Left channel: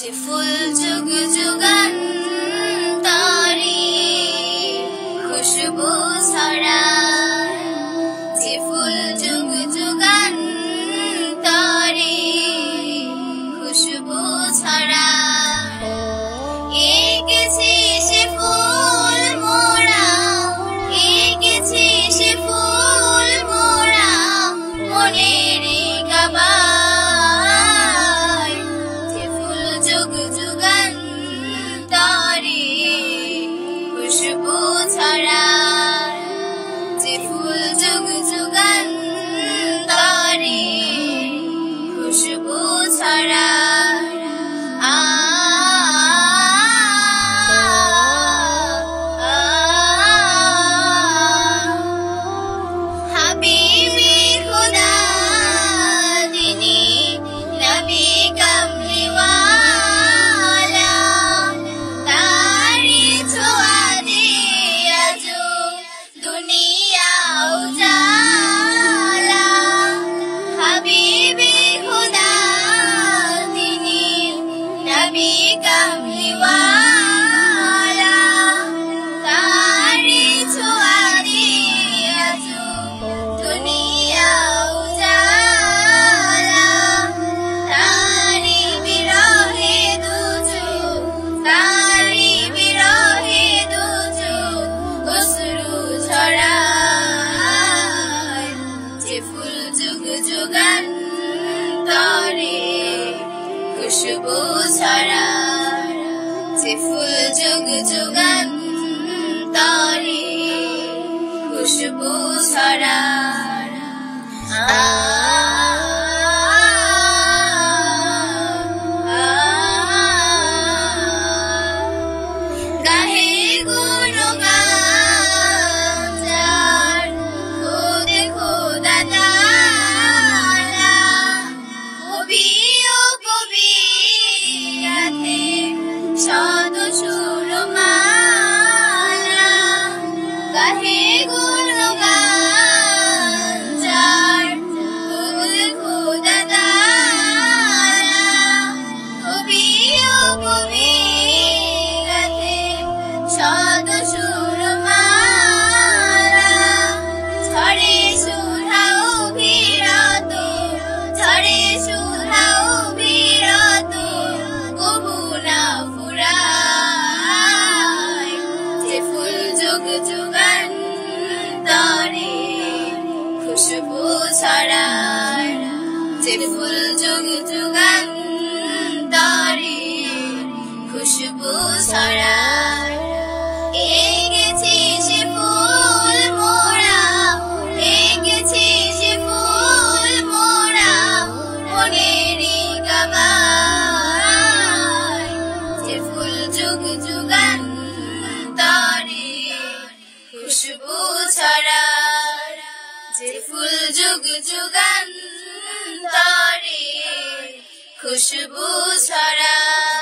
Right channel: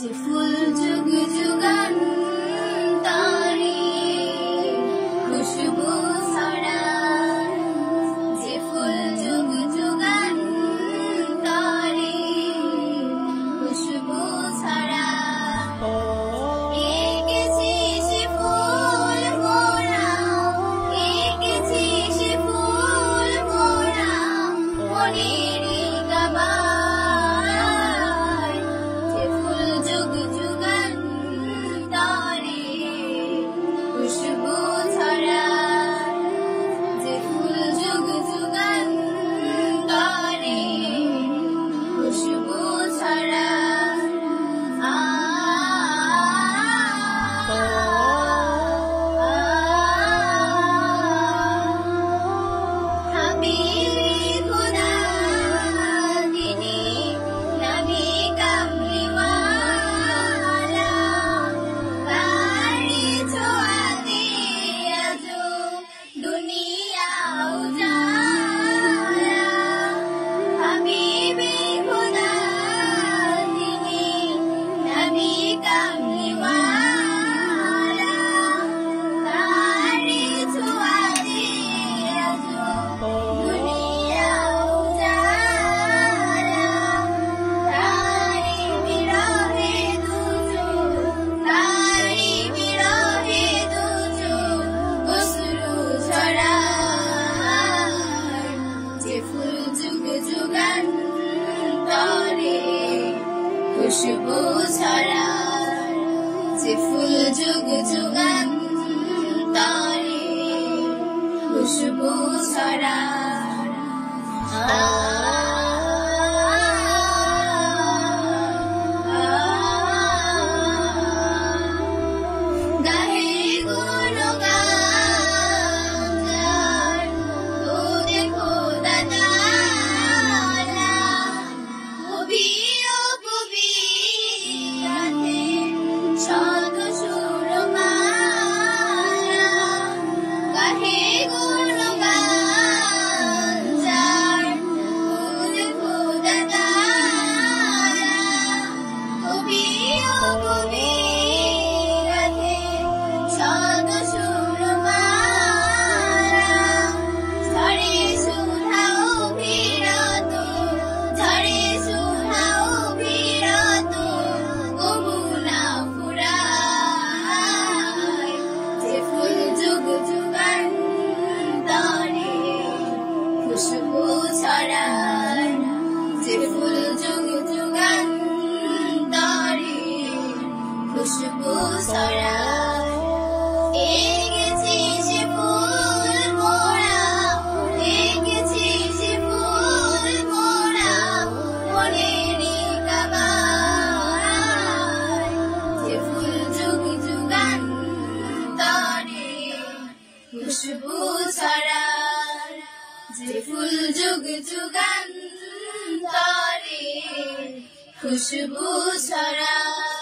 যে ফুল যুগ যুগান্তরে খুশবু ছড়ায়, যে ফুল যুগ যুগান্তরে খুশবু ছড়ায়। এঁকেছি সে ফুল মোরা, এঁকেছি সে ফুল মোরা মনের কাবায়। যে ফুল যুগ যুগান্তরে খুশবু ছড়ায়, যে ফুল যুগ যুগান্তরে খুশবু ছড়ায়। হাবিবি খুদা যিনি নবী কামলিওয়ালা, তারি ছোঁয়াতে আজো দুনিয়া উজালা। হাবিবি খুদা যিনি নবী কামলিওয়ালা, তারি ছোঁয়াতে আজো দুনিয়া উজালা। তারি বিরহে দুচোখ, তারি বিরহে দুচোখ অশ্রু ঝরায়। যে ফুল যুগ যুগান্তরে খুশবু ছড়ায়, যে ফুল যুগ যুগান্তরে খুশবু ছড়ায়। গাহে গুণগান যার, খুদে খোদা তাআলা, কবি ও কবিয়াতে শত সুরমালা। গাহে গুণগান যার, খুদে খোদা তাআলা, কবি ও কবিয়াতে শত সুরমালা। ঝরে সুধা অবিরত, ঝরে সুধা অবিরত, কবু না ফুরায়। যে ফুল যুগ যুগান্তরে খুশবু ছড়ায়, যে ফুল যুগ যুগান্তরে খুশবু ছড়ায়। এঁকেছি সে ফুল মোরা, এঁকেছি সে ফুল মোরা মনের কাবায়। যে ফুল যুগ যুগান্তরে খুশবু ছড়ায়, যে ফুল যুগ যুগান্তরে খুশবু ছড়ায়।